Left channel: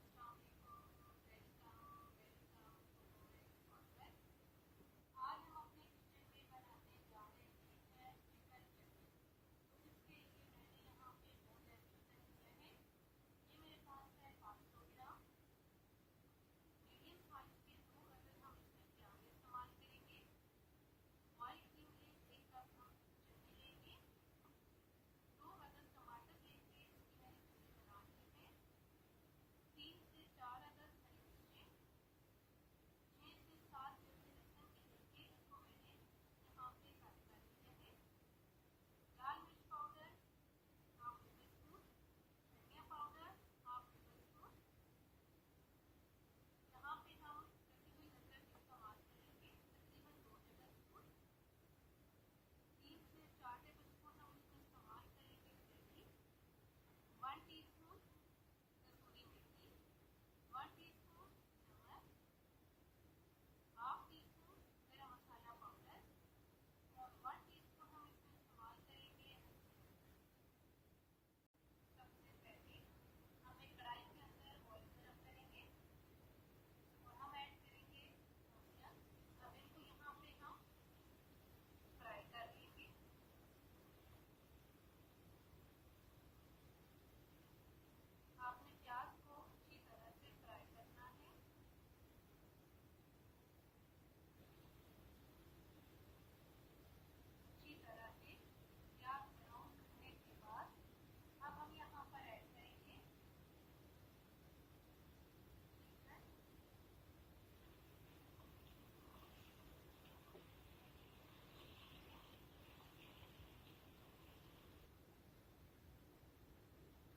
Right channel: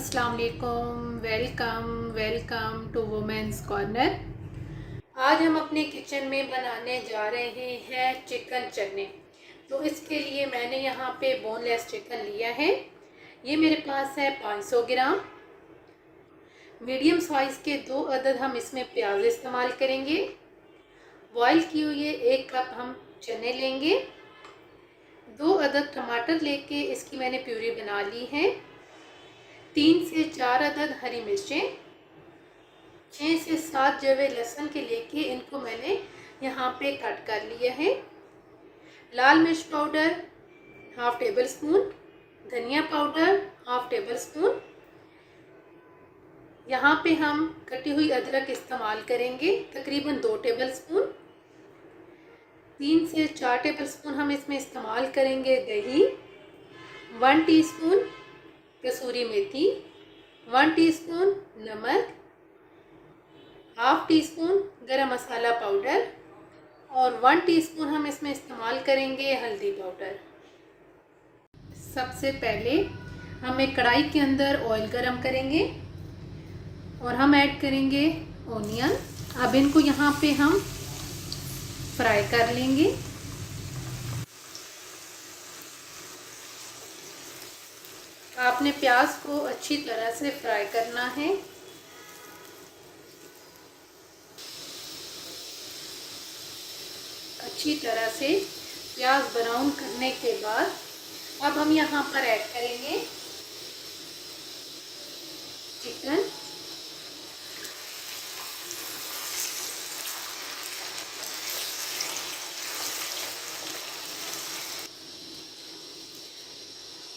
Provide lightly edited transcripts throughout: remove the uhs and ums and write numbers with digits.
अस्सलाम वालेकुम। Welcome welcome to women's corner. आज हम अपने किचन में बनाने जा रहे हैं चिकन चने। तो इसके लिए मैंने यहाँ पे बोनलेस चिकन लिया है। ये मेरे पास है 500 ग्राम। मीडियम साइज़ के 2 अदद हम इसमें प्याज इस्तेमाल करेंगे। बॉयल किए हुए 1 कप हम चने लेंगे। 2 अदद टमाटर लेके इसकी मैंने प्यूरी बना ली है। 3 से 4 अदद हरी मिर्चें, 6 से 7 जवे लहसुन के लेके इनको मैंने यहाँ पे कट कर लिया है। लाल मिर्च पाउडर हाफ टेबल स्पून, धनिया पाउडर हाफ टेबल स्पून। यहाँ पे हम कटी हुई अदरक इस्तेमाल करेंगे तकरीबन 2 टेबल स्पून। 3 से 4 टेबल स्पून हम इसमें इस्तेमाल करेंगे दही, 1 टीस्पून कसूरी मेथी, 1 टीस्पून नमक, हाफ टी स्पून गरम मसाला पाउडर और 1 टीस्पून हम इसमें इस्तेमाल करेंगे हल्दी पाउडर। सबसे पहले हम एक कढ़ाई के अंदर ऑयल गरम करेंगे और हम ऐड करेंगे ओनियन। अब इनको यहाँ पे हम फ्राई कर लेंगे। आपने प्याज को अच्छी तरह से फ्राई करना है। अच्छी तरह से प्याज ब्राउन करने के बाद अब हम यहाँ पर ऐड करेंगे चिकन।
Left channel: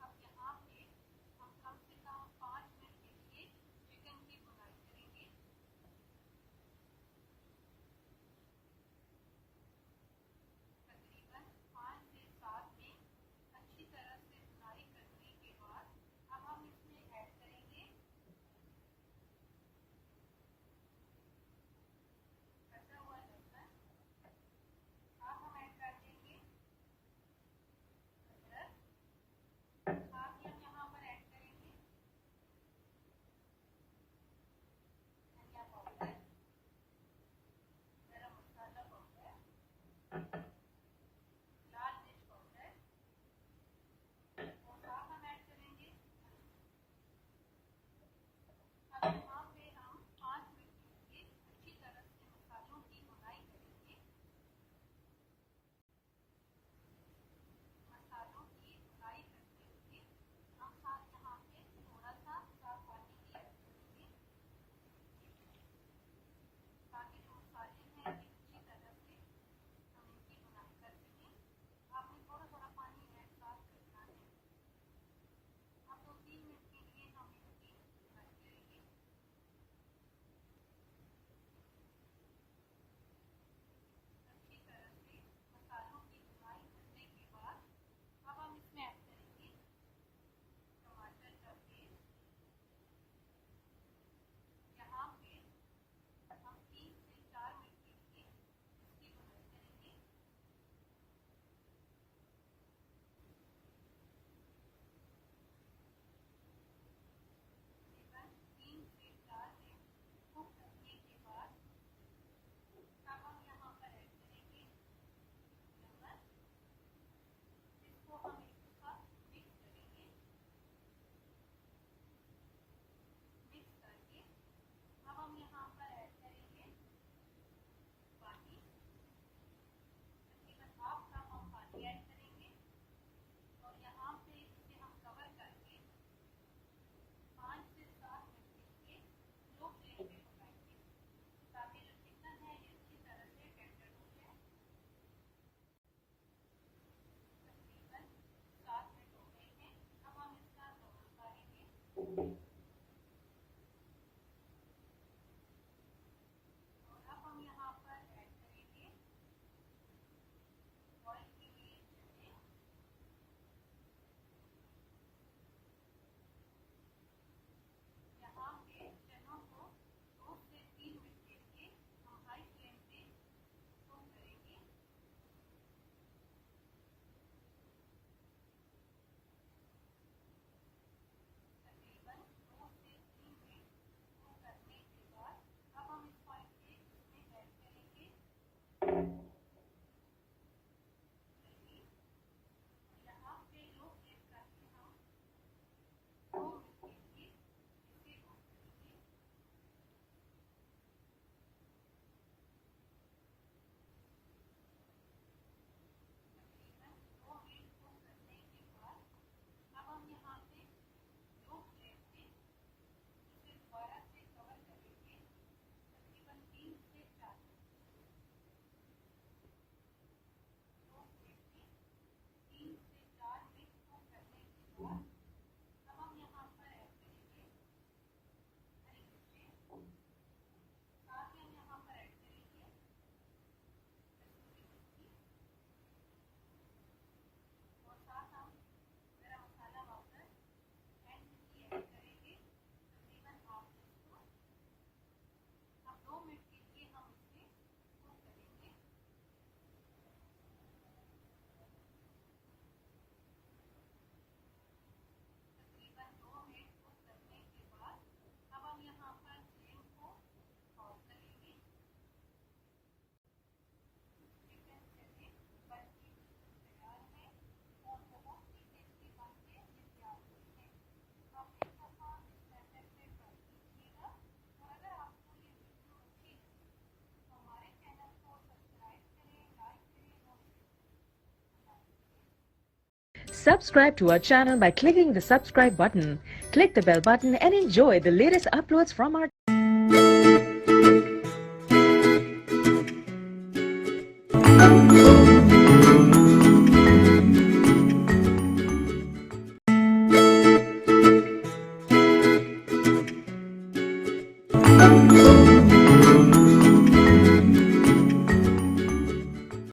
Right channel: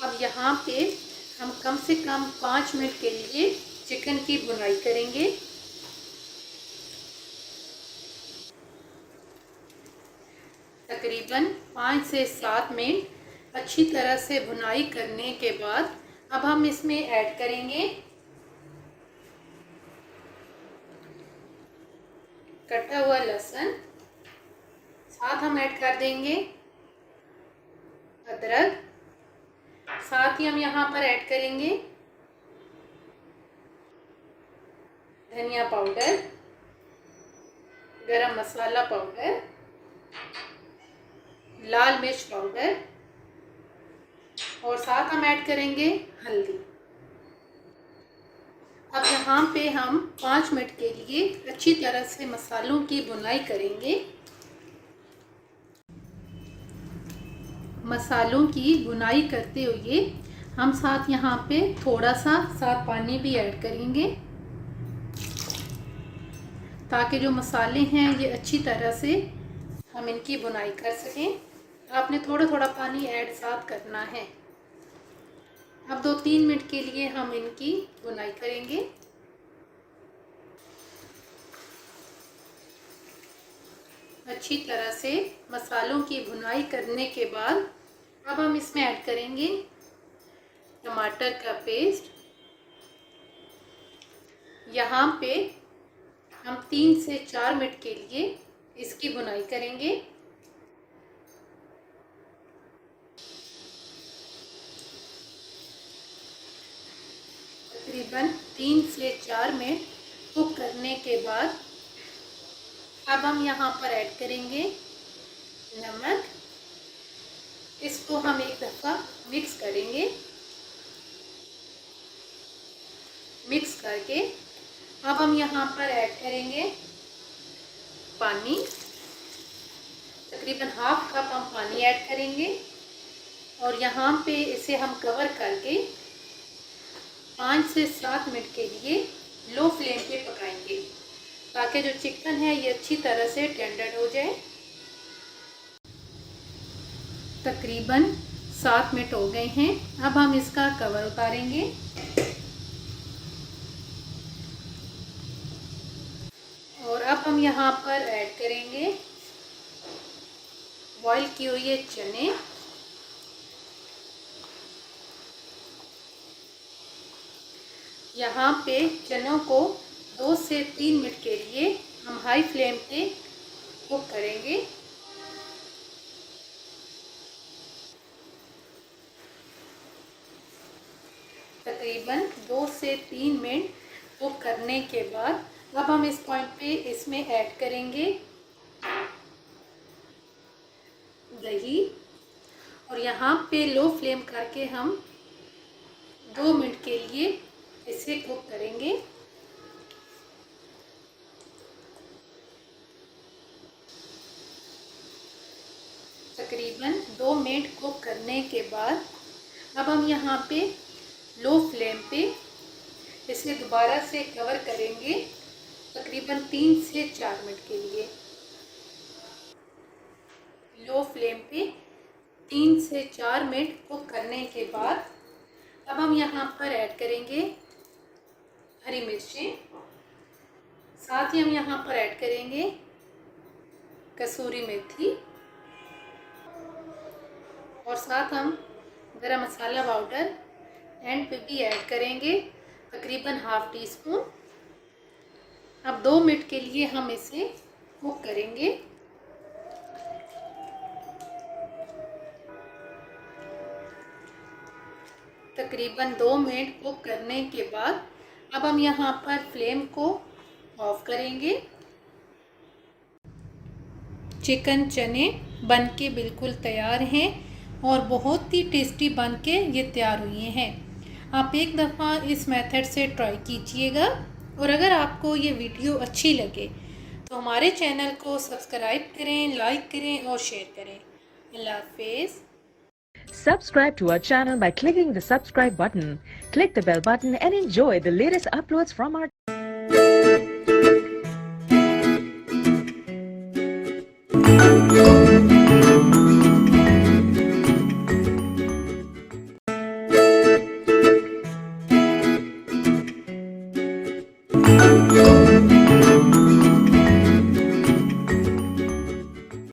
अब यहाँ पे हम कम से कम 5 मिनट के लिए चिकन की भुनाई करेंगे। तकरीबन 5 से 7 मिनट अच्छी तरह से भुनाई करने के बाद अब हम इसमें ऐड करेंगे कटा हुआ लहसुन। साथ हम ऐड कर देंगे अदरक। साथ ही हम यहाँ पर ऐड करेंगे धनिया पाउडर, गरम मसाला पाउडर, लाल मिर्च पाउडर और साथ हम ऐड करेंगे हल्दी। अब यहाँ पे हम 5 मिनट के लिए अच्छी तरह से मसालों की भुनाई करेंगे। मसालों की भुनाई करते हुए हम साथ यहाँ पे थोड़ा सा साथ पानी भी ऐड करेंगे ताकि जो मसाले हैं ये अच्छी तरह से हम इनकी भुनाई कर सकें। आपने थोड़ा थोड़ा पानी ऐड साथ करना है। अब 2-3 मिनट के लिए हम इनकी भुनाई करेंगे। अच्छी तरह से मसालों की भुनाई करने के बाद अब हम इसमें ऐड करेंगे टमाटर का पेस्ट। यहाँ पे हम 3 से 4 मिनट के लिए इसकी भुनाई करेंगे। तकरीबन 3 से 4 मिनट कुक करने के बाद अब हम यहाँ पर ऐड करेंगे नमक। इसको हम एक दफ़ा मिक्स करेंगे। मिक्स करके अब हम यहाँ पर ऐड करेंगे पानी। तकरीबन हाफ कप हम पानी ऐड करेंगे और यहाँ पे इसे हम कवर करके 5 से 7 मिनट के लिए लो फ्लेम पे पकाएंगे ताकि जो चिकन है ये अच्छी तरह से टेंडर हो जाए। तकरीबन 7 मिनट हो गए हैं। अब हम इसका कवर उतारेंगे और अब हम यहाँ पर ऐड करेंगे बॉईल किए हुए चने। यहाँ पे चनों को 2 से 3 मिनट के लिए हम हाई फ्लेम पे कुक करेंगे। तकरीबन 2 से 3 मिनट कुक करने के बाद अब हम इस पॉइंट पे इसमें ऐड करेंगे दही, और यहाँ पे लो फ्लेम करके हम 2 मिनट के लिए इसे कुक करेंगे। तकरीबन 2 मिनट कुक करने के बाद अब हम यहाँ पे लो फ्लेम पे इसे दोबारा से कवर करेंगे तकरीबन 3 से 4 मिनट के लिए। लो फ्लेम पे 3 से 4 मिनट कुक करने के बाद अब हम यहाँ पर ऐड करेंगे हरी मिर्चें, साथ ही हम यहाँ पर ऐड करेंगे कसूरी मेथी, और साथ हम गरम मसाला पाउडर एंड पे भी ऐड करेंगे तकरीबन हाफ टी स्पून। अब 2 मिनट के लिए हम इसे कुक करेंगे। तकरीबन 2 मिनट कुक करने के बाद अब हम यहाँ पर फ्लेम को ऑफ करेंगे। चिकन चने बनके बिल्कुल तैयार हैं और बहुत ही टेस्टी बनके ये तैयार हुए हैं। आप एक दफ़ा इस मेथड से ट्राई कीजिएगा, और अगर आपको ये वीडियो अच्छी लगे तो हमारे चैनल को सब्सक्राइब करें, लाइक करें और शेयर करें। अल्लाह हाफिज़। Subscribe to our channel by clicking the subscribe button. Click the bell button and enjoy the latest uploads from our